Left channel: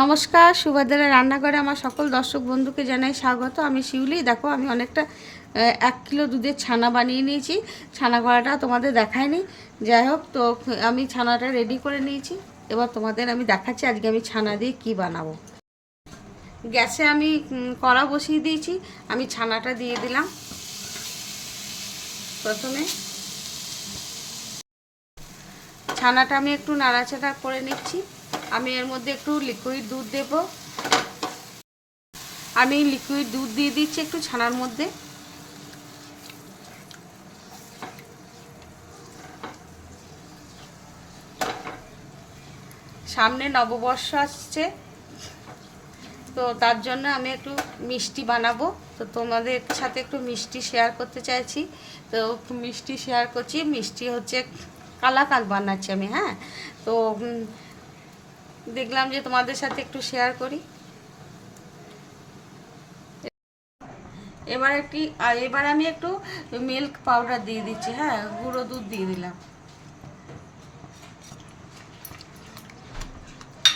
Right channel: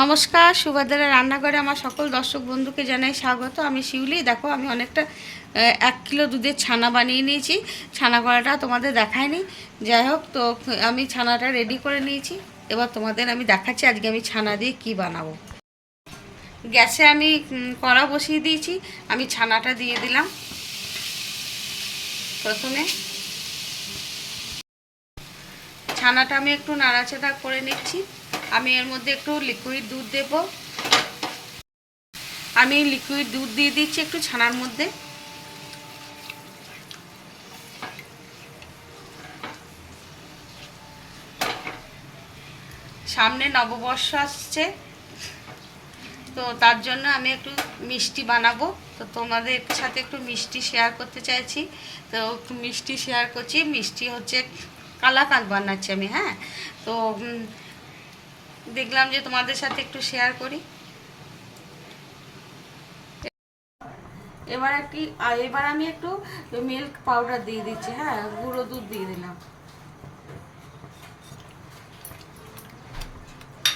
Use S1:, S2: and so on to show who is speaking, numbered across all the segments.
S1: নমস্কার সুভদ্রা রান্নাঘরে আমার সকল দর্শক বন্ধুকে জানাই স্বাগত। আমি শিউলি। দেখো, আমি অনেকটা এক কিলো দুধের ছানা বানিয়ে নিয়েছি। ছানা করাটা তোমাদের দেখায়নি। যাই হোক, তো আমি ছানাটা রেডি করে নিয়েছি। এবার তোমাদের আমি দেখাচ্ছি আজকে আমি ছানা দিয়ে কি বানাবো। গ্যাসে আমি কড়া বসিয়ে দিয়েছি। আমি ছানাটা দিয়ে দিলাম। প্রথমে ছানাটা আমি একটু নাড়াচাড়া করে নিচ্ছি। আমি এর মধ্যে একটু লিকুইড দুধ দেব। আমি লিকুইড দুধ দিয়ে দিচ্ছি একটু ছানার মধ্যে। সামনে নববর্ষ আসছে, তো তার জন্য আমি একটু মিষ্টি বানাবো। তো তোমাদের সাথে একটু মিষ্টি শেয়ার করতে চাইছি। তো একটু মিষ্টি শেয়ার করছি। মিষ্টি হচ্ছে কালাকাঁদ বানাচ্ছি আমি হ্যাঁ? তো দেখলাম যে তোমাদের সাথে একটু শেয়ার করি। এবার একটি এবার আমি একটু মিল্ক পাউডার দিয়ে দিচ্ছি হ্যাঁ গুঁড়ো দুধ দিয়ে দিলাম।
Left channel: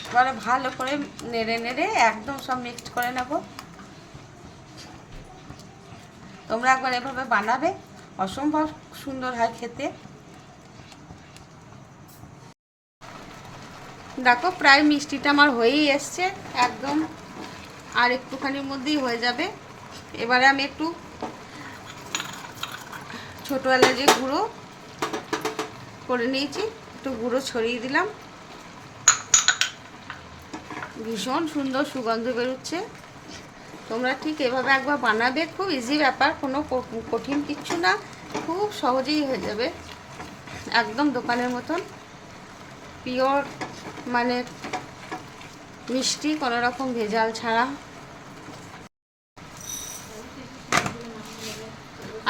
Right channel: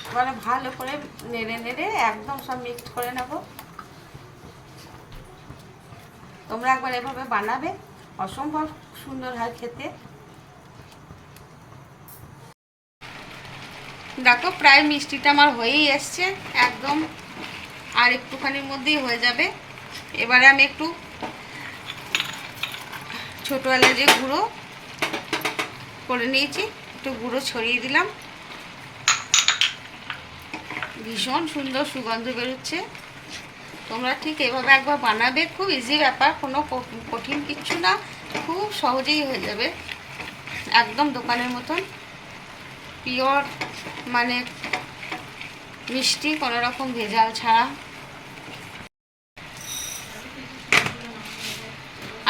S1: এবারে ভালো করে নেড়ে নেড়ে একদম সব মিক্স করে নেব। তোমরা একবার এভাবে বানাবে, অসম্ভব সুন্দর হয় খেতে। দেখো, প্রায় মিষ্টিটা আমার হয়েই এসছে, একদম আর একটুখানির মধ্যেই হয়ে যাবে। এবারে আমি একটু ছোটো এলাচে গুঁড়ো করে নিয়েছি, একটু গুঁড়ো ছড়িয়ে দিলাম। ভীষণ সুন্দর সুগন্ধ বেরোচ্ছে। তোমরা ঠিক এভাবে একবার বানাবে, খুব ইজি ব্যাপার, কোনো কঠিন কিচ্ছু না, খুব সহজেই হয়ে যাবে, একদম দোকানের মতন। পিওর মানে মিষ্টি কোনো রকম ভেজাল ছাড়া।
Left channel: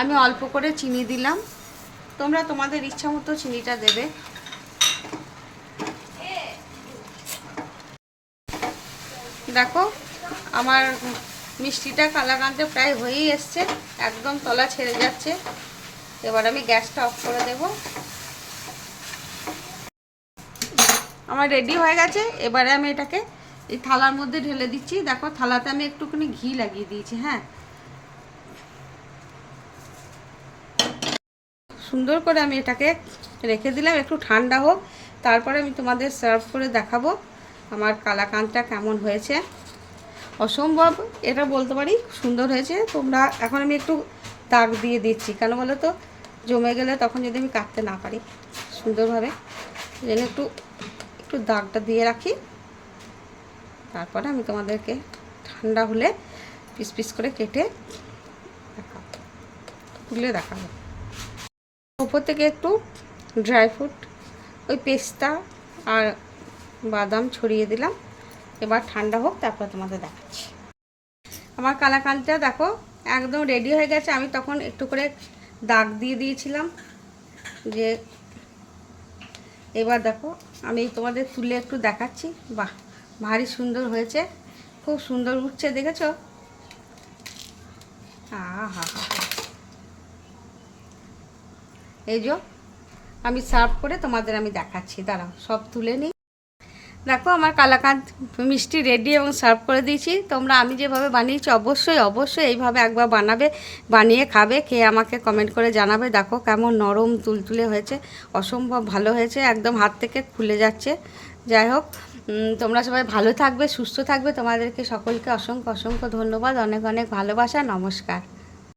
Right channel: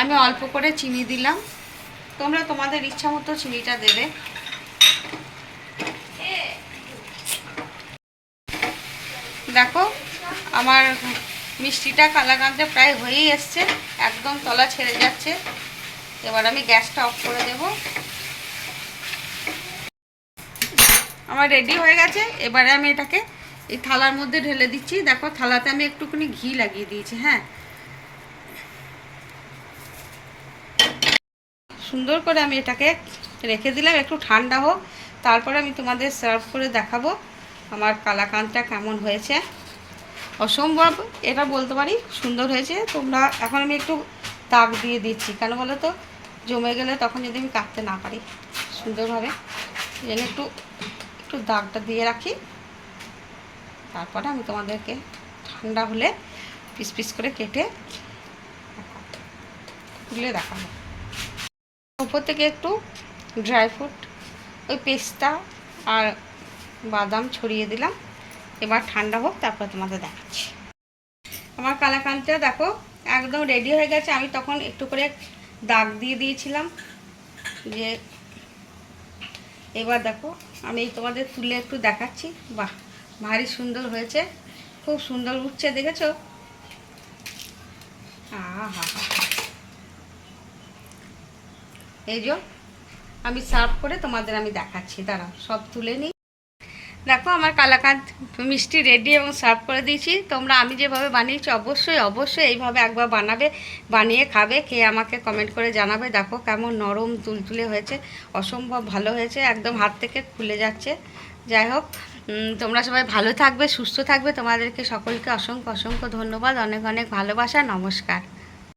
S1: আমি অল্প করে চিনি দিলাম। তোমরা তোমাদের ইচ্ছা মতো চিনিটা দেবে। দেখো, আমার মিষ্টিটা কালাকান্তে প্রায় হয়েই এসছে। একদম তলা ছেড়ে যাচ্ছে। এবার আমি গ্যাসটা অফ করে দেব। আমার রেডি হয়ে গেছে। এবারে আমি এটাকে এই থালার মধ্যে ঢেলে দিচ্ছি। দেখো, থালাতে আমি একটুখানি ঘি লাগিয়ে দিয়েছি হ্যাঁ। সুন্দর করে আমি এটাকে রেখে দিলাম, একটু ঠান্ডা হোক। তারপরে আমি তোমাদের সার্ভ করে দেখাবো আমার কালাকানটা কেমন হয়েছে। অসম্ভব, এটা বলতে পারি, সুন্দর হয়েছে। তোমরা, এখন আমি একটু দাগ দিয়ে দিচ্ছি। কেন বলো তো? জমে গেলে তখন যদি আমি কাটতে না পারি, সুন্দরভাবে। জন্য একটু একটু দাগটা দিয়ে রাখি। তারপরে আমি তোমাদেরকে ঠান্ডা হলে পিস পিস করে কেটে তুলে দেখাবো। উপর থেকে একটু ড্রাই ফ্রুট, ওই পেস্তা আর বাদাম ছড়িয়ে দিলাম। এবার ঠান্ডা হোক, তারপর তোমাদের দেখাচ্ছি। আমার কালাকানটা দেখো একদম রেডি হয়ে গেছে। আমি তখন একটু করে দাগ দিয়ে দিয়েছিলাম যে এবার দেখো, আমি তোমাদের তুলে একটু দেখাচ্ছি। বাহ, ভারী সুন্দর হয়েছে। খুব সুন্দর উঠছে, দেখেছ? এই যে, আমি সার্ভ করে তোমাদের আমি দেখাচ্ছি। দাঁড়াও, সব তুলে নিই। দেখো, আমার কালাকাঁদ মিষ্টি রেডি এবং সার্ভ করে দিয়েছি। তোমরা আমি যেভাবে বানিয়েছি, অবশ্যই অবশ্যই এইভাবে একবার বানাবে, বানিয়ে খাবে, খেয়ে আমাকে কমেন্ট করে জানাবে। দেখো কেমন নরম তুলতুলে হয়েছে, অসম্ভব ভালো হয়েছে, একদম হাত থেকে খুলে যাচ্ছে। যাই হোক তোমরা সবাই ভালো থাকবে, সুস্থ থাকবে। তোমাদেরকে সকলকে অসংখ্য অসংখ্য ধন্যবাদ। অনেক অনেক ভালোবাসা। নমস্কার।